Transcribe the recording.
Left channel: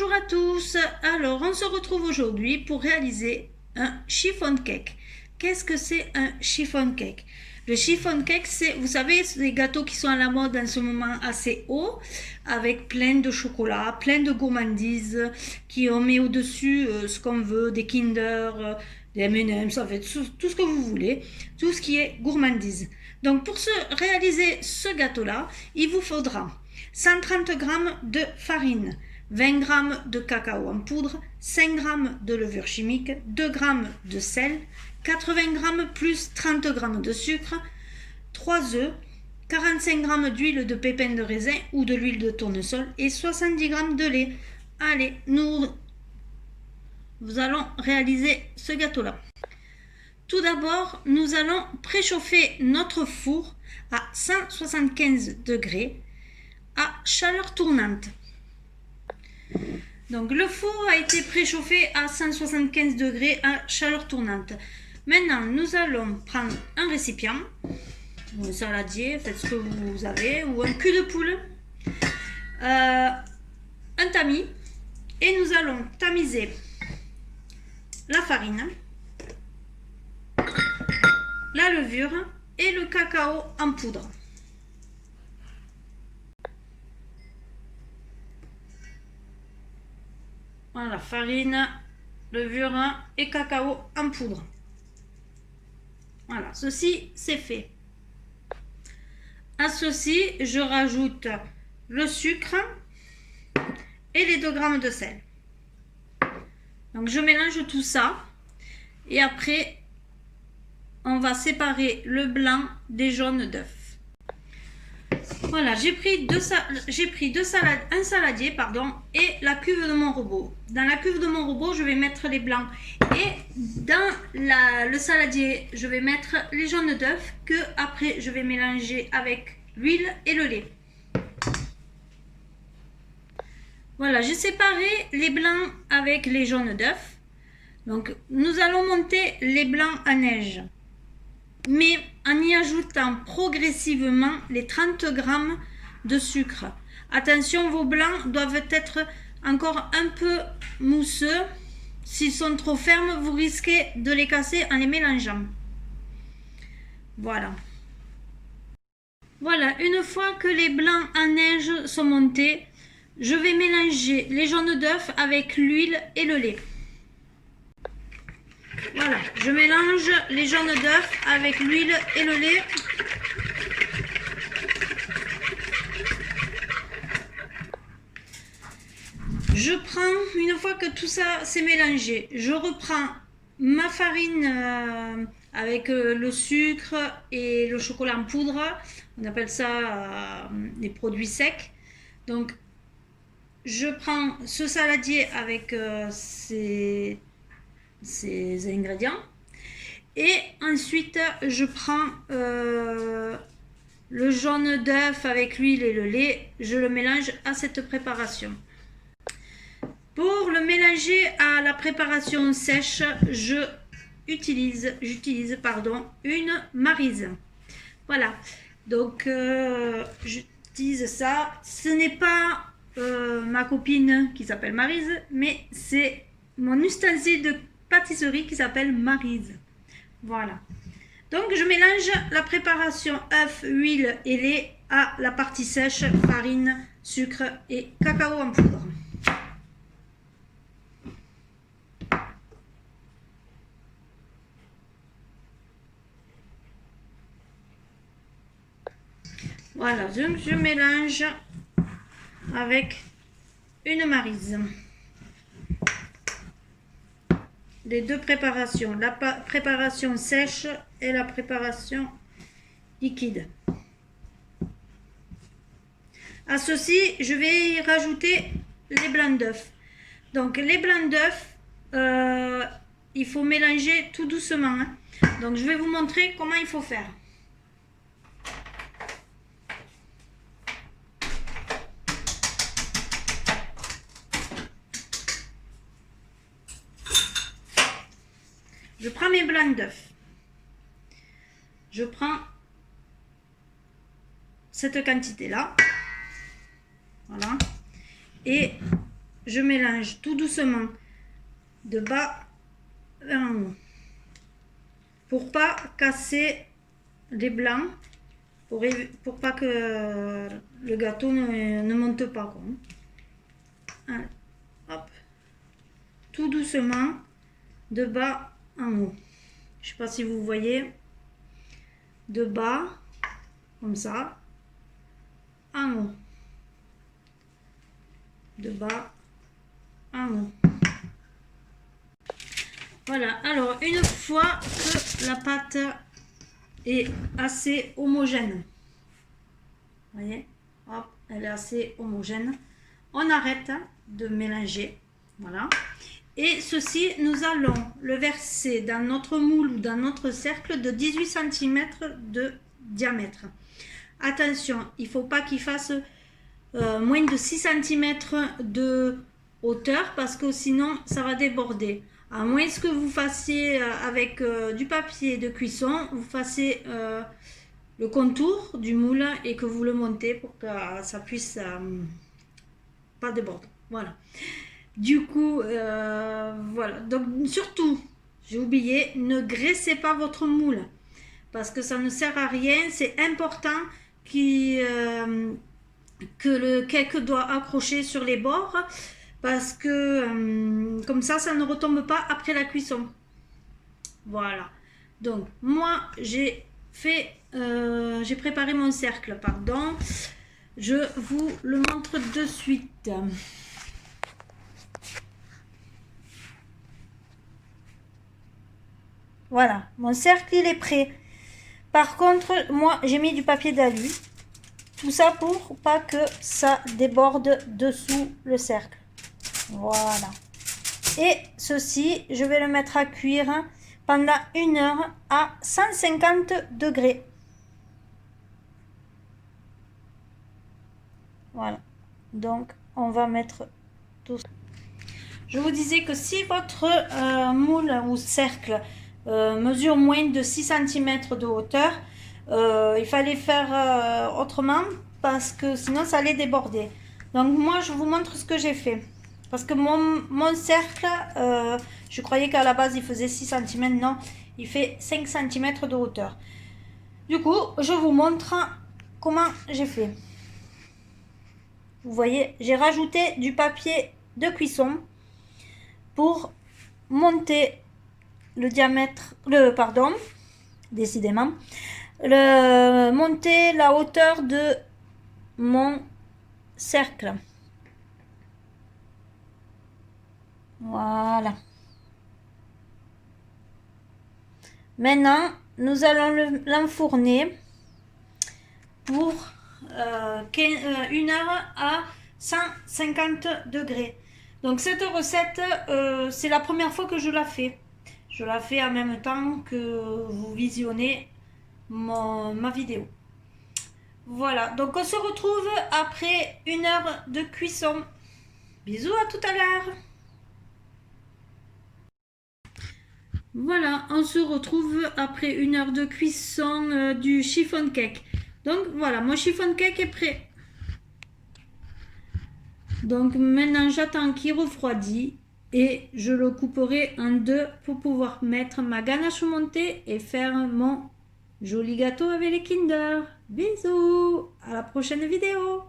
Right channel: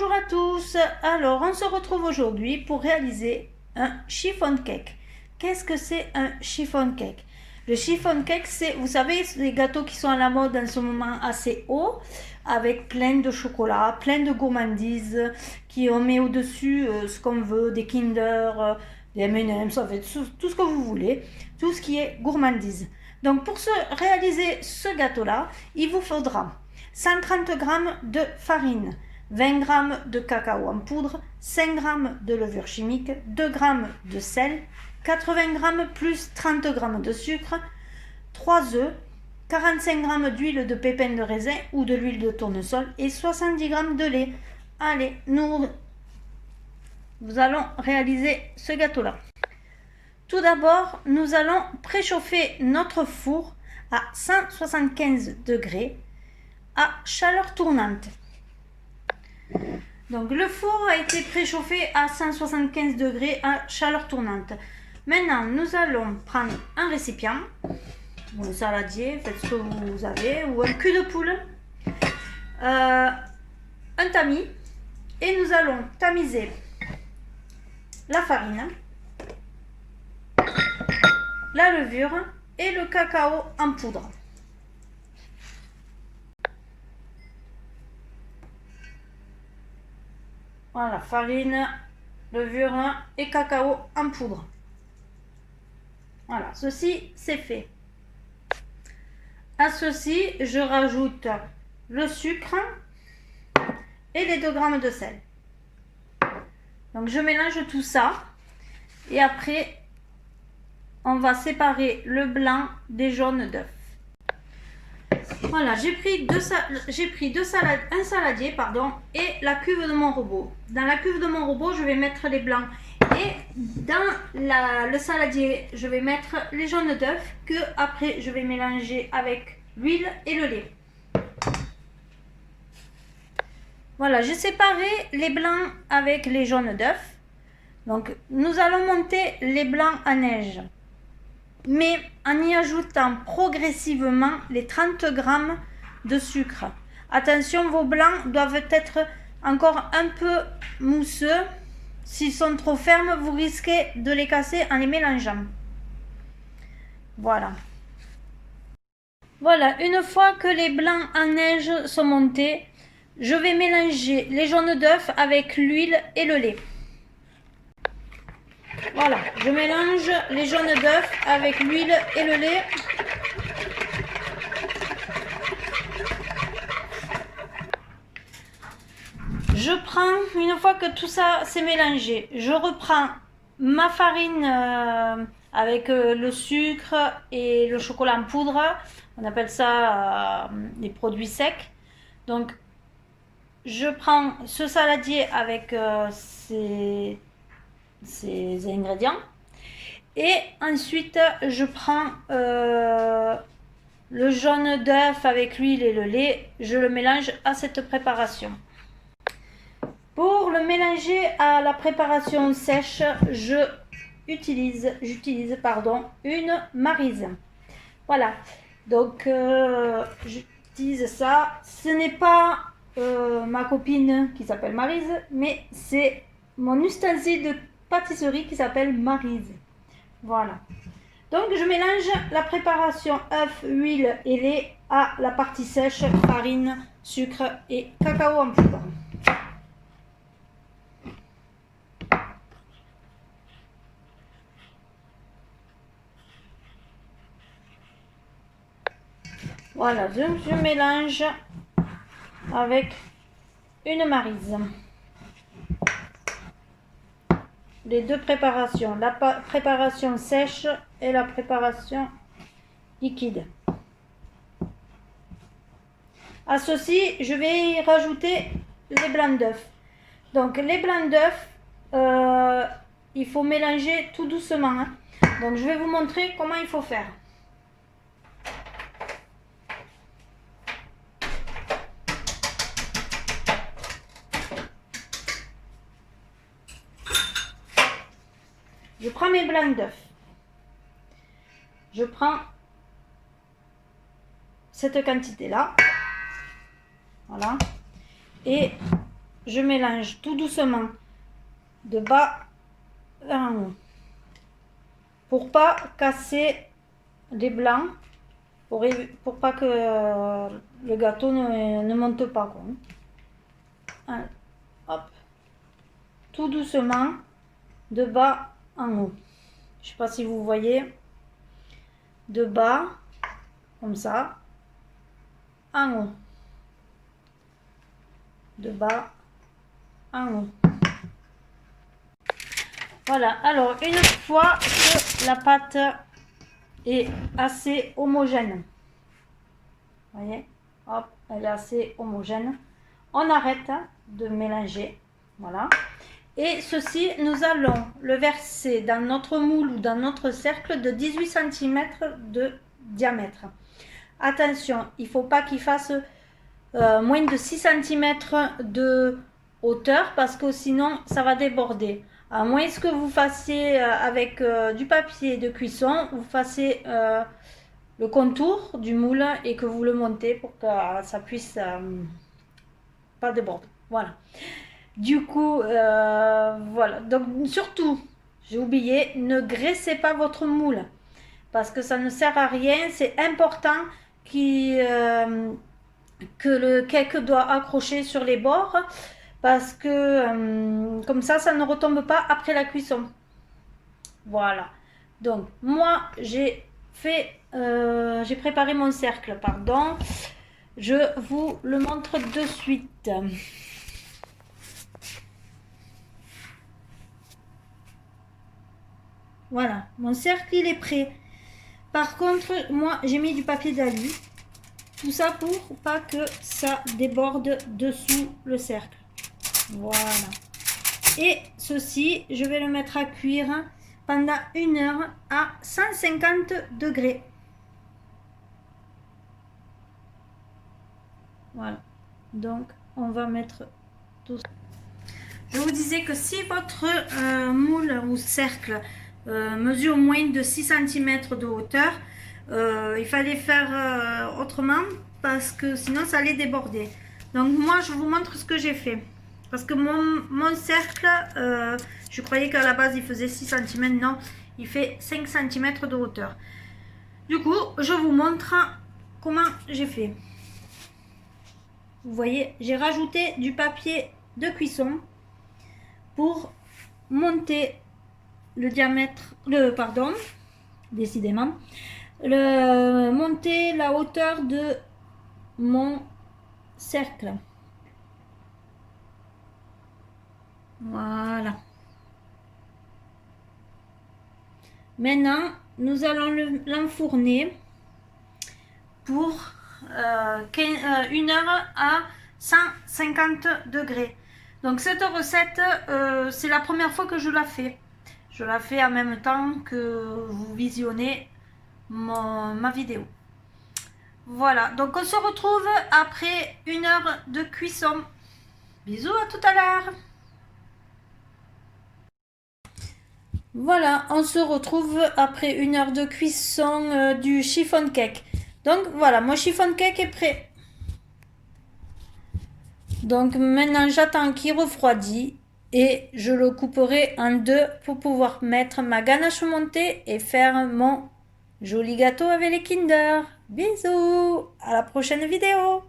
Bonjour à tous, alors on se retrouve aujourd'hui pour réaliser un chiffon cake. Qu'est-ce que c'est un chiffon cake? Le chiffon cake, c'est, vous savez, les gâteaux qui sont à la mode en ce moment assez haut, avec plein de chocolat, plein de gourmandises, qui on met au-dessus ce qu'on veut, des Kinder, des M&M's, en fait, tout ce que vous voulez, tout ce qui est gourmandise. Donc pour réaliser ce gâteau-là, il vous faudra 130 g de farine, 20 g de cacao en poudre, 5 g de levure chimique, 2 g de sel, 80 g plus 30 g de sucre, 3 œufs, 45 g d'huile de pépins de raisin ou de l'huile de tournesol et 70 g de lait. Allez, nous allons réaliser ce gâteau-là. Tout d'abord, nous allons préchauffer notre four à 175 degrés à chaleur tournante. Donc le four a été préchauffé à 175 degrés à chaleur tournante. Maintenant, nous allons prendre un récipient, ou un saladier, faites ce que vous avez, ou un cul de poule, un tamis, et nous allons tamiser la farine, la levure et le cacao en poudre. Voilà, farine, levure et cacao en poudre. Voilà, ceci c'est fait. À ceci, je rajoute le sucre et les 2 g de sel. Donc je mélange tout ça et après on va séparer le blanc des jaunes d'œufs. Voilà, j'ai pris un saladier et la cuve de mon robot. Dans la cuve de mon robot, je vais mettre les blancs. Et dans le saladier, je vais mettre les jaunes d'œufs que après je vais mélanger avec l'huile et le lait. Voilà, j'ai séparé les blancs avec les jaunes d'œufs. Donc, nous allons monter les blancs à neige, mais en y ajoutant progressivement les 30 g de sucre. Attention, vos blancs doivent être encore un peu mousseux. S'ils sont trop fermes, vous risquez de les casser en les mélangeant. Voilà. Voilà, une fois que les blancs en neige sont montés, je vais mélanger les jaunes d'œufs avec l'huile et le lait. Voilà, je mélange les jaunes d'œufs avec l'huile et le lait. Je prends, une fois que tout ça s'est mélangé, je reprends ma farine avec le sucre et le chocolat en poudre. On appelle ça des produits secs. Donc, je prends ce saladier avec ces ingrédients. Et ensuite, je prends le jaune d'œuf avec l'huile et le lait. Je le mélange à cette préparation. Pour le mélanger à la préparation sèche, j'utilise une maryse. Voilà, donc j'utilise ça. Ce n'est pas ma copine qui s'appelle Maryse, mais c'est mon ustensile de pâtisserie qui s'appelle maryse. Voilà. Donc je mélange la préparation œuf, huile et lait à la partie sèche, farine, sucre et cacao en poudre. Voilà, je mélange avec une maryse. Les deux préparations, la préparation sèche et la préparation liquide. À ceci, je vais y rajouter les blancs d'œufs. Donc les blancs d'œufs, il faut mélanger tout doucement. Donc je vais vous montrer comment il faut faire. Je prends mes blancs d'œufs. Je prends cette quantité-là. Voilà. Et je mélange tout doucement de bas en haut pour pas casser les blancs, pour pas que le gâteau ne monte pas, quoi. Allez, hop, tout doucement de bas en haut. Je sais pas si vous voyez, de bas comme ça en haut, de bas en haut. Voilà, alors une fois que la pâte est assez homogène, vous voyez, hop, elle est assez homogène, on arrête de mélanger. Voilà, et ceci, nous allons le verser dans notre moule ou dans notre cercle de 18 cm de diamètre. Attention, il ne faut pas qu'il fasse moins de 6 cm de hauteur, parce que sinon ça va déborder. À moins que vous fassiez avec du papier de cuisson, vous fassiez le contour du moule et que vous le montez pour que ça puisse pas déborder. Voilà. Du coup, voilà. Donc surtout, j'ai oublié, ne graissez pas votre moule parce que ça ne sert à rien. C'est important que le cake doit accrocher sur les bords, parce que comme ça ne retombe pas après la cuisson. Voilà. Donc moi j'ai préparé mon cercle, pardon. Je vous le montre de suite. Voilà, mon cercle il est prêt. Par contre, moi j'ai mis du papier d'alu. Tout ça pour pas que ça déborde dessous le cercle. Voilà. Et ceci, je vais le mettre à cuire pendant 1 heure à 150 degrés. Voilà. Donc, on va mettre tout ça. Je vous disais que si votre moule ou cercle mesure moins de 6 cm de hauteur, il fallait faire autrement, parce que sinon ça allait déborder. Donc moi je vous montre ce que j'ai fait, parce que mon cercle, je croyais qu'à la base il faisait 6 cm, non, il fait 5 cm de hauteur. Du coup je vous montre comment j'ai fait. Vous voyez, j'ai rajouté du papier de cuisson pour monter le diamètre, décidément, monter la hauteur de mon cercle. Voilà. Maintenant, nous allons l'enfourner pour 1 heure à 150 degrés. Donc cette recette, c'est la première fois que je la fais. Je la fais en même temps que vous visionnez ma vidéo. Voilà, donc on se retrouve après 1 heure de cuisson. Bisous, à tout à l'heure. Voilà, on se retrouve après 1 heure de cuisson du chiffon cake. Donc voilà, mon chiffon cake est prêt. Donc maintenant j'attends qu'il refroidit et je le couperai en 2 pour pouvoir mettre ma ganache montée et faire mon joli gâteau avec les Kinder. Bisous, à la prochaine vidéo.